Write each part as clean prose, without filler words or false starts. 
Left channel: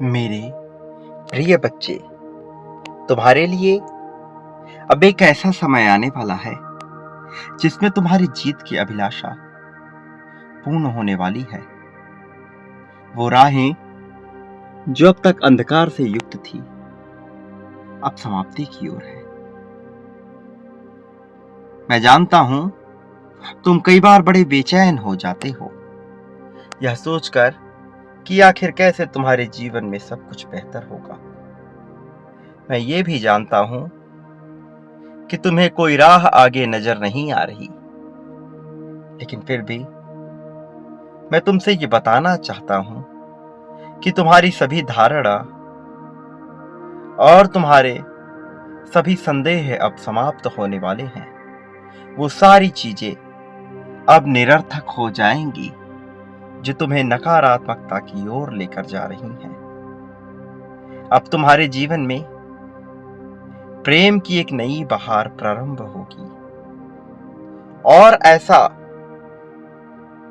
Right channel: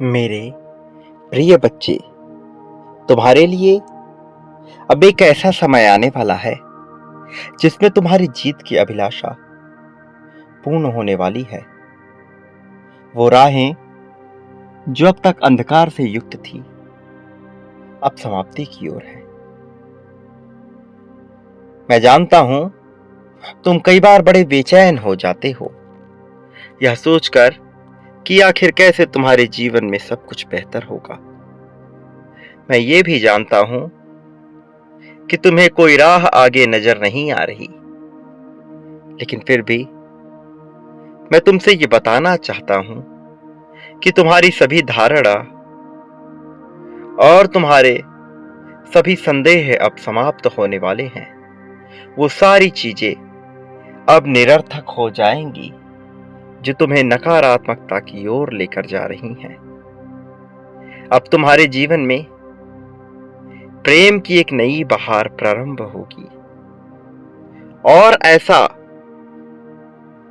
मेरे प्रिय बच्चे, तुम्हारे लिए अब एक ऐसा समय आने वाला है जिसमें तुम्हारी जीत की अभिलाषा पूर्ण होने वाली है। वो राहें जो अब तक अंधकार से युक्त थी, अब समाप्ति की ओर है। मैं जानता हूं तुम कई बार बड़े बेचैन हो जाते हो, यह सोचकर कि आखिर कैसे तुम्हारे जीवन में सब कुछ बेहतर होगा। मैं ये भी जानता हूं कि तुम्हें कोई राह आगे नजर नहीं आ रही, लेकिन फिर भी मैं तुमसे ये बताना चाहता हूं कि तुम्हारी सभी धारणा और तुम्हारे सभी संदेह अब समाप्त होने वाले हैं। वो सारी चीजें अब निरर्थक हो जाएंगी जो तुम्हें नकारात्मकता की ओर लेकर जा रही हैं। अब तुम्हारे जीवन में प्रेम की एक नई बहार प्रारंभ होगी, और ऐसा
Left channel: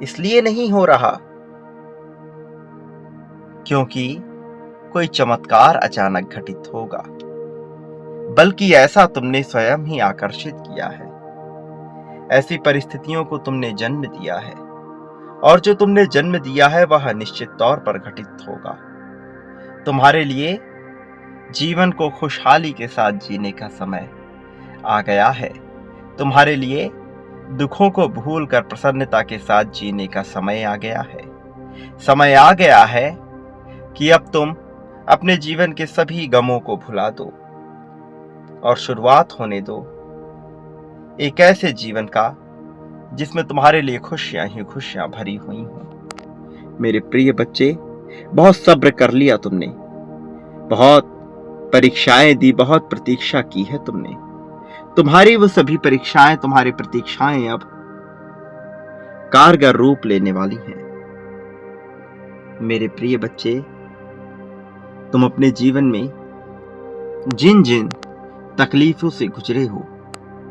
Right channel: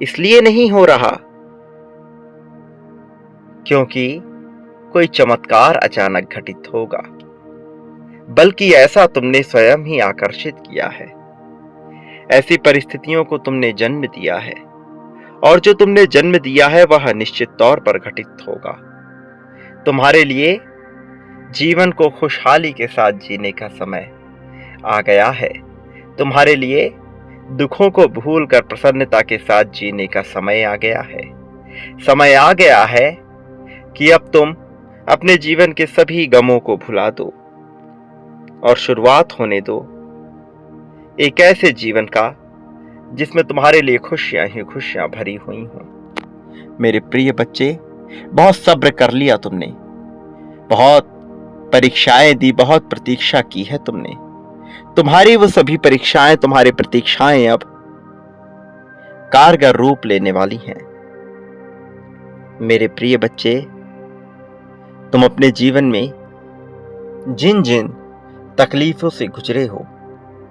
इसलिए नहीं हो रहा क्योंकि कोई चमत्कार अचानक घटित होगा, बल्कि ऐसा तुमने स्वयं ही आकर्षित किया है। ऐसी परिस्थितियों को तुमने जन्म दिया है, और जो तुमने जन्म दिया है वह निश्चित तौर पर घटित होगा। तुम्हारे लिए जीवन को खुशहाली के साथ जीने का समय आ गया है। तुम्हारे लिए दुखों को भूलकर प्रसन्नता के साथ जीने का समय आ गया है। समय आ गया है कि अब तुम अपने जीवन के सभी गमों को भुला दो और शुरुआत होने दो एक ऐसे जीवन का जिसमें तुम्हारे लिए खुशियां ही खुशियां भरी हुई हों। मेरे प्रिय बच्चे, बहुत सब्र कर लिया तुमने, बहुत परीक्षाएं दी, बहुत प्रतीक्षा की है तुमने। तुम्हारी वो सभी परीक्षाएं, तुम्हारी प्रतीक्षाएं अब कारगर रूप लेने वाली हैं। मेरे प्रिय बच्चे, तुम अपने जीवन में जिन जिन तकलीफों से गुजरे हो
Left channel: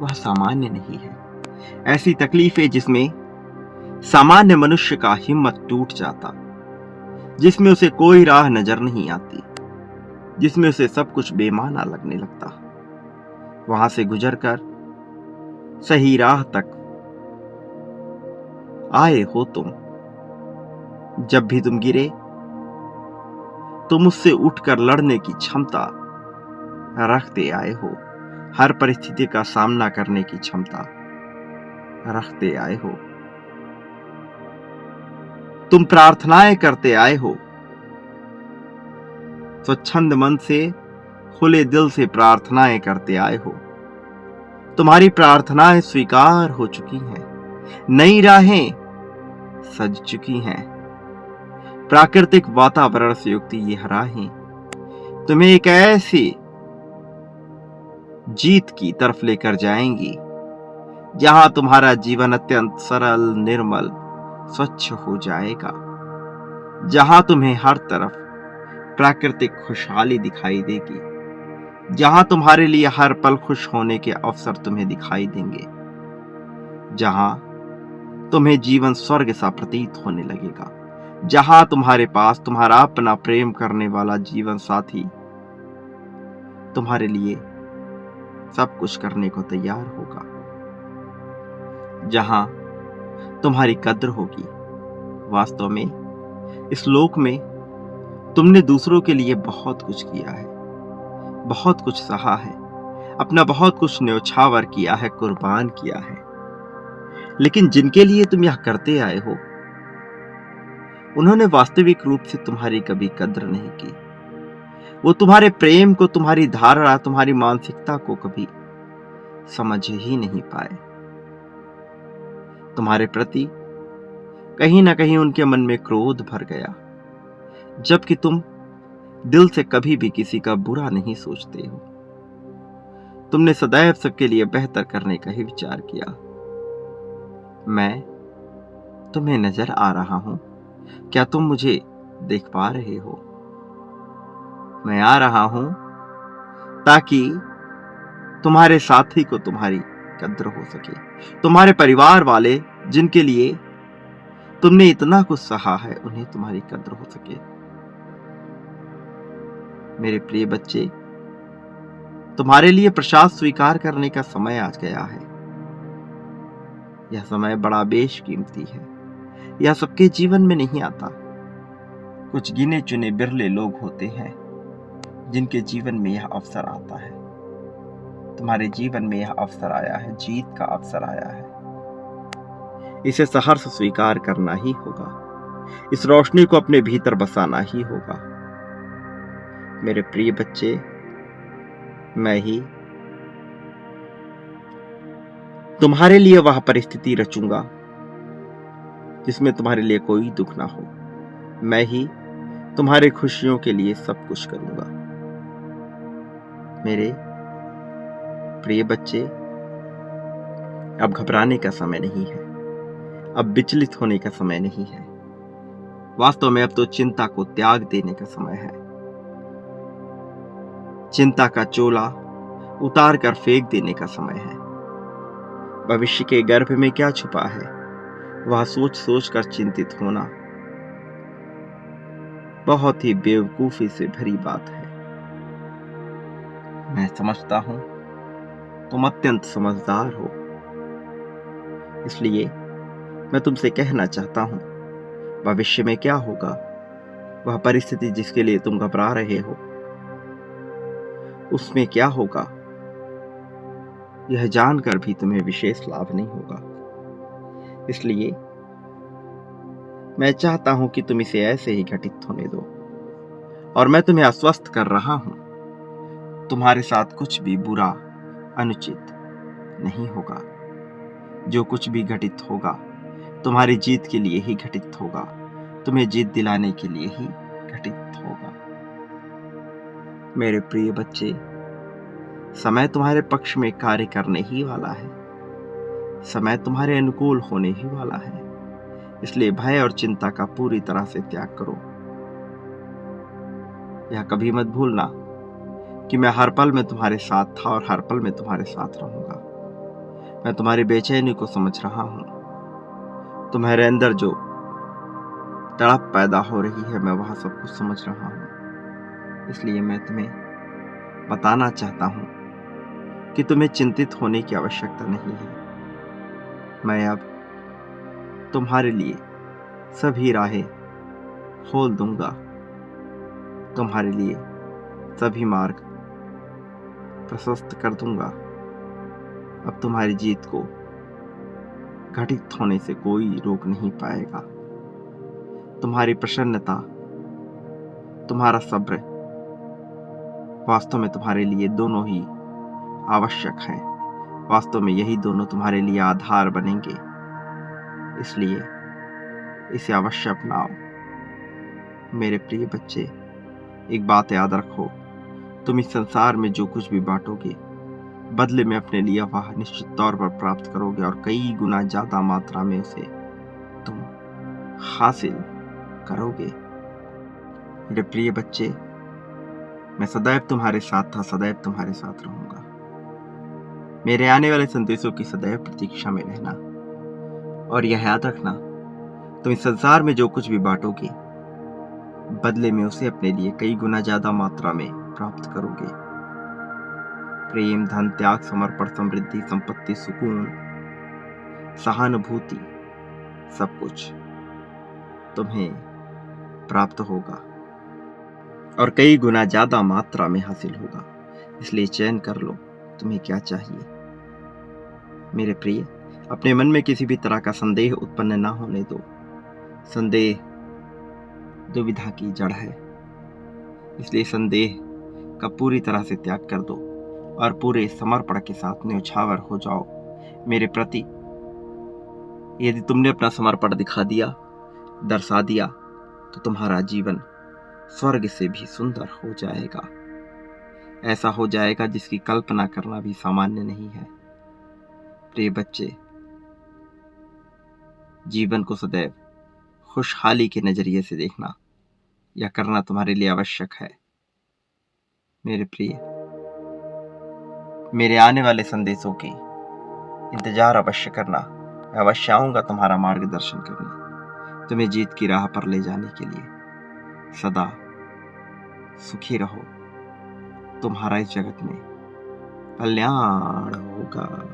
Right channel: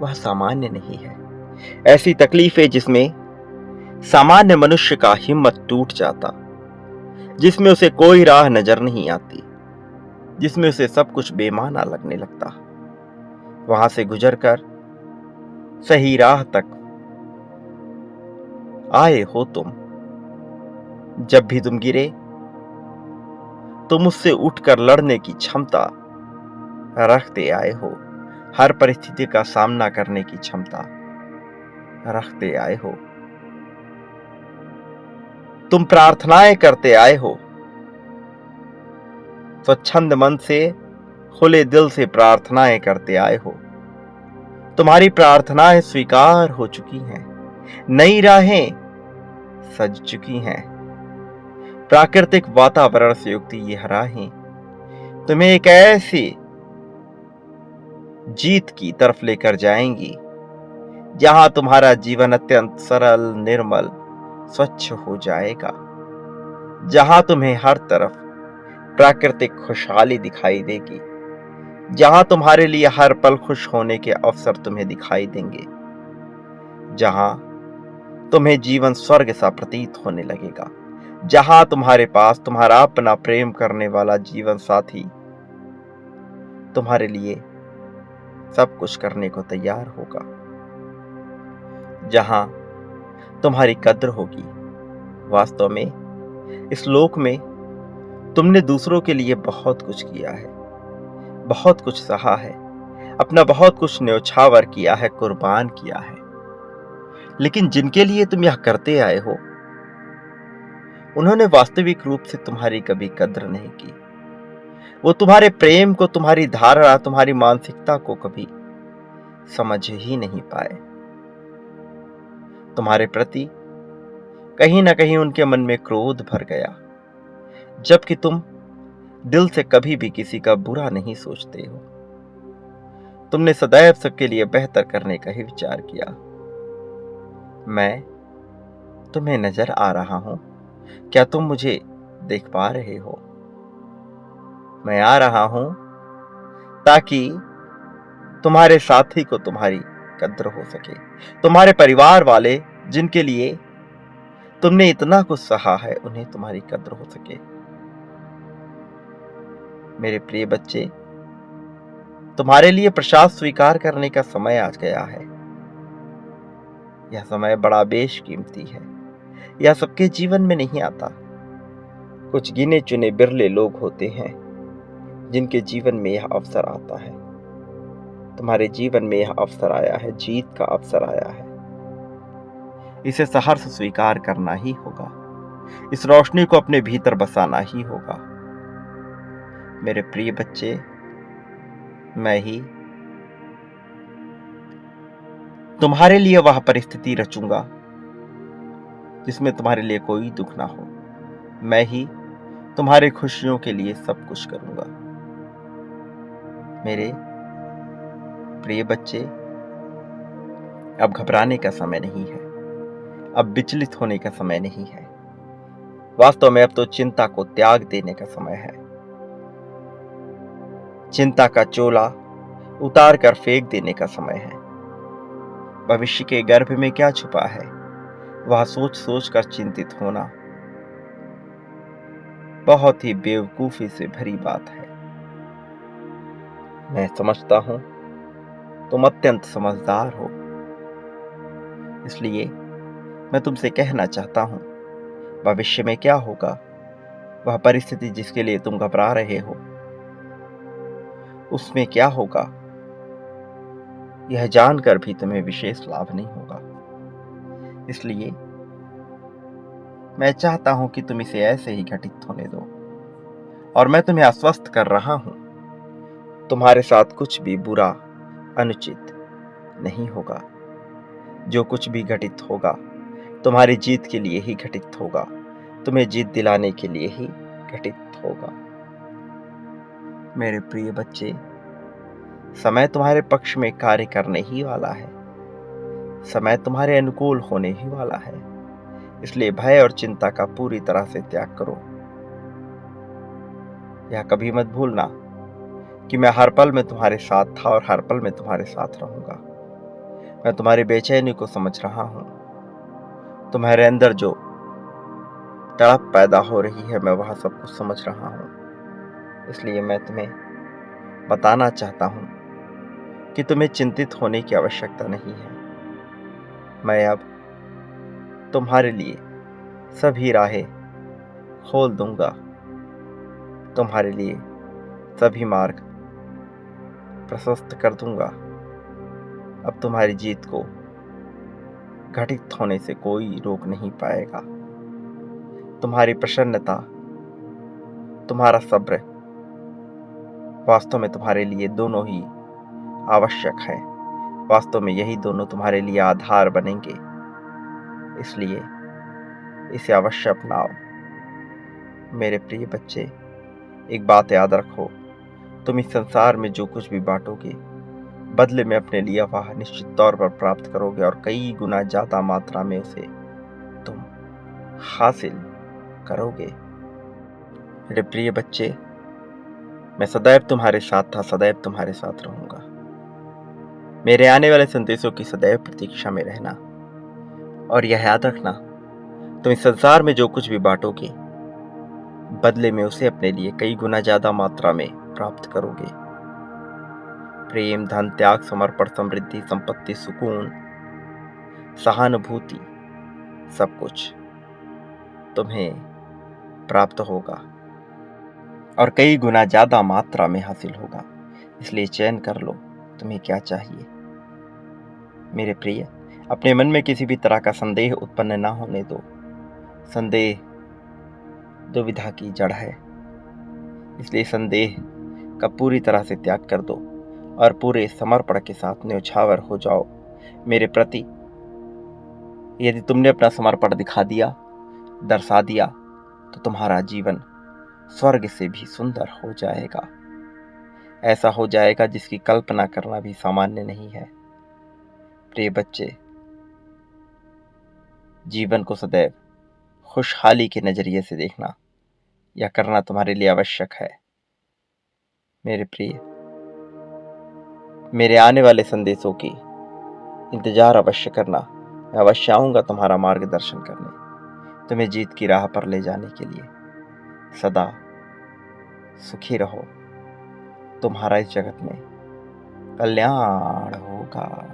वह सामान्य नहीं है। ऐसी तकलीफें जिसमें सामान्य मनुष्य का हिम्मत टूट जाता, जिसमें उसे कोई राह नजर नहीं आती, जिसमें उसे सब कुछ बेमाना लगने लगता, वहां से गुजरकर सही राह तक आए हो तुम। जब भी तुम गिरे, तुम उससे उठकर लड़ने की क्षमता रखते आए हो। हर परिस्थिति का सामना करने की क्षमता रखते आए हो। तुम प्रार्थनाएं करते आए हो, स्वच्छंद मन से, खुले दिल से प्रार्थनाएं करते आए हो। तुम्हारी प्रार्थनाएं स्वीकार हो चुकी हैं, नई राहें सज चुकी हैं। प्राकृतिक वातावरण से युक्त ये राहें तुम्हें एक ऐसी जीत की तरफ लेकर जाएंगी जहां तुम्हारा जीवन अत्यंत सरल, निर्मल, स्वच्छ हो जाएगा, जहां तुम्हें हर तरफ प्राकृतिक खुशहाली दिखाई देगी, जहां तुम्हारे लिए हर पल खुश होने के अवसर तुम्हें दिखाई देंगे, जहां तुम्हें जीवन स्वर्ग सा प्रतीत होने लगेगा, जहां तुम्हारे पास तुम्हारा अपना प्रेम करने वाला जीवन साथी तुम्हारे लिए सब कुछ करने को तैयार होगा, जहां तुम्हारी कद्र होगी। वास्तव में इस लोक में तुमने दूसरों के लिए बहुत कुछ किया है, बहुत कुछ सहा है, अपना बहुत कुछ न्यौछावर किया है, कुर्बान किया है, लेकिन जिनके लिए तुम यह करते आए हो उन्होंने वास्तविक रूप से तुम्हारी कभी कद्र नहीं की। वो तुम्हारे प्रेम को, तुम्हारी धारणा, तुम्हारी मानसिकता को कभी समझ ही नहीं पाए। तुम्हारे प्रति कहीं ना कहीं उनके मन में क्रोध भर गया, जबकि तुम दिल से कभी भी किसी का बुरा नहीं सोचते हो। तुमने सदैव सबके लिए बेहतर करने का ही विचार किया। मैं तुम्हें नजर आ रहा हूं, क्या तुम मुझे देख पा रहे हो? मैं आ रहा हूं ताकि तुम्हारे साथी को तुम्हारी कद्र हो सके, तुम्हारे परिवार वाले जिनके लिए तुमने इतना कुछ सहा है उन्हें तुम्हारी कद्र हो सके। मेरे प्रिय बच्चे, तुम्हारे लिए प्रसाद स्वीकार करने का समय आज गया है। यह समय बड़ा बेशकीमती है। यह सबके जीवन में नहीं आता। कुछ गिने चुने बिरले लोग होते हैं जिनके जीवन में यह अवसर आता है। तुम्हारे जीवन में यह अवसर आया है, जीत का अवसर आया है। इसे सहर्ष स्वीकार करना ही होगा। इस रोशनी को अपने भीतर बसाना ही होगा। मेरे प्रिय बच्चे, मैं ही तुम्हारे लिए वह परिस्थिति रचूंगा जिसमें तुम्हारे लिए कोई दुख ना हो। मैं ही तुम्हारे खुशियों के लिए सब कुछ करूंगा। मेरे प्रिय बच्चे, अब घबराने का समय नहीं है। अब विचलित होने का समय नहीं है। वास्तव में अब तो चिंता को त्याग देने का समय है। चिंता का चोला उतार कर फेंक देने का समय है। भविष्य के गर्भ में क्या छुपा है, वह सोच सोच कर चिंतित होना बहुत ही बेवकूफी से भरी बात है। मैं समझता हूं तुम अत्यंत समझदार हो, इसलिए मैं तुमसे कहना चाहता हूं, भविष्य में क्या होगा, वह परिस्थिति जिसके लिए तुम घबरा रहे हो, उसमें क्या होगा, यह जानकर भी तुम्हें विशेष लाभ नहीं होगा। इसलिए मैं चाहता हूं कि तुम इसे ऐसे ही घटित होने दो। और मैं तुम्हें आश्वस्त कर रहा हूं, तुम्हारे साथ कुछ भी बुरा, अनुचित नहीं होगा। जो कुछ भी घटित होगा तुम्हारी जीत के लिए ही घटित होगा, तुम्हें जीत दिलाने के लिए ही घटित होगा। मेरे प्रिय बच्चे, समय तुम्हारे पक्ष में कार्य करने ही वाला है। समय तुम्हारे अनुकूल होने ही वाला है। इसलिए भय और चिंता का पूरी तरह से त्याग करो। यह कभी मत भूलना कि मैं हर पल में तुम्हारे साथ था और हर पल में तुम्हारे साथ रहूंगा। मैं तुम्हारी बेचैनी को समझ रहा हूं। तुम्हारे अंदर जो तड़प पैदा हो रही है, मैं वह सब कुछ समझ रहा हूं। इसलिए मैं तुम्हें बताना चाहता हूं कि तुम्हें चिंतित होने की आवश्यकता नहीं है। मैं अब तुम्हारे लिए सभी राहें खोल दूंगा। तुम्हारे लिए सभी मार्ग प्रशस्त कर दूंगा। अब तुम्हारी जीत को घटित होने से कोई रोक नहीं पाएगा। तुम्हारी प्रसन्नता, तुम्हारा सब्र वास्तव में तुम्हारे लिए दोनों ही आवश्यक है। वास्तव में यही दोनों तुम्हारे लिए आधार बनेंगे। इसलिए इसे अवश्य अपनाओ। मेरे प्रिय बच्चे, एक बात याद रखो, तुम इस संसार में जो कुछ भी बांटोगे, बदले में अपने लिए वह निश्चित तौर पर प्राप्त करोगे और कई गुना ज्यादा मात्रा में उसे तुम हासिल करोगे। मेरे प्रिय बच्चे, मैं सदैव तुम्हारे साथ था, सदैव तुम्हारे साथ रहूंगा। मेरे आने वाले संदेशों की सदैव प्रतीक्षा में रहना। और यह याद रखना, तुम इस संसार में जो कुछ भी बांटोगे, बदले में उसे अपने लिए कई गुना ज्यादा मात्रा में प्राप्त करोगे। प्रेम, धन, त्याग, समर्पण, समृद्धि, संपत्ति, सुकून, सहानुभूति, सब कुछ तुम्हें प्राप्त होगा और कई गुना ज्यादा मात्रा में हासिल होगा। इसलिए चयन कर लो तुम्हें क्या चाहिए। मेरे प्रिय, अपने मन में किसी भी तरह का संदेह उत्पन्न ना होने दो। संदेह दुविधा की जड़ है। इसलिए संदेह का पूरी तरह से त्याग कर दो और पूरे समर्पण के साथ न्यौछावर हो जाओ मेरे प्रति। यदि तुमने अपना समर्पण दिखा दिया, दर्शा दिया, तो तुम्हारा जीवन स्वर्ग से भी सुंदर हो जाएगा। ऐसा हो जाएगा जिसकी कल्पना करना भी सामान्य नहीं है। प्रिय बच्चे, जीवन को सदैव खुशहाली के नजरिए से देखना, यह करना तुम्हारे लिए आवश्यक है। मेरे प्रिय, मेरे आने वाले संदेशों की इंतजार अवश्य करना। मैं अवश्य आऊंगा तुम्हारा मार्गदर्शन करने, तुम्हें जीत की राह पर ले जाने के लिए। सदा सुखी रहो, तुम्हारा इस जगत में कल्याण होगा।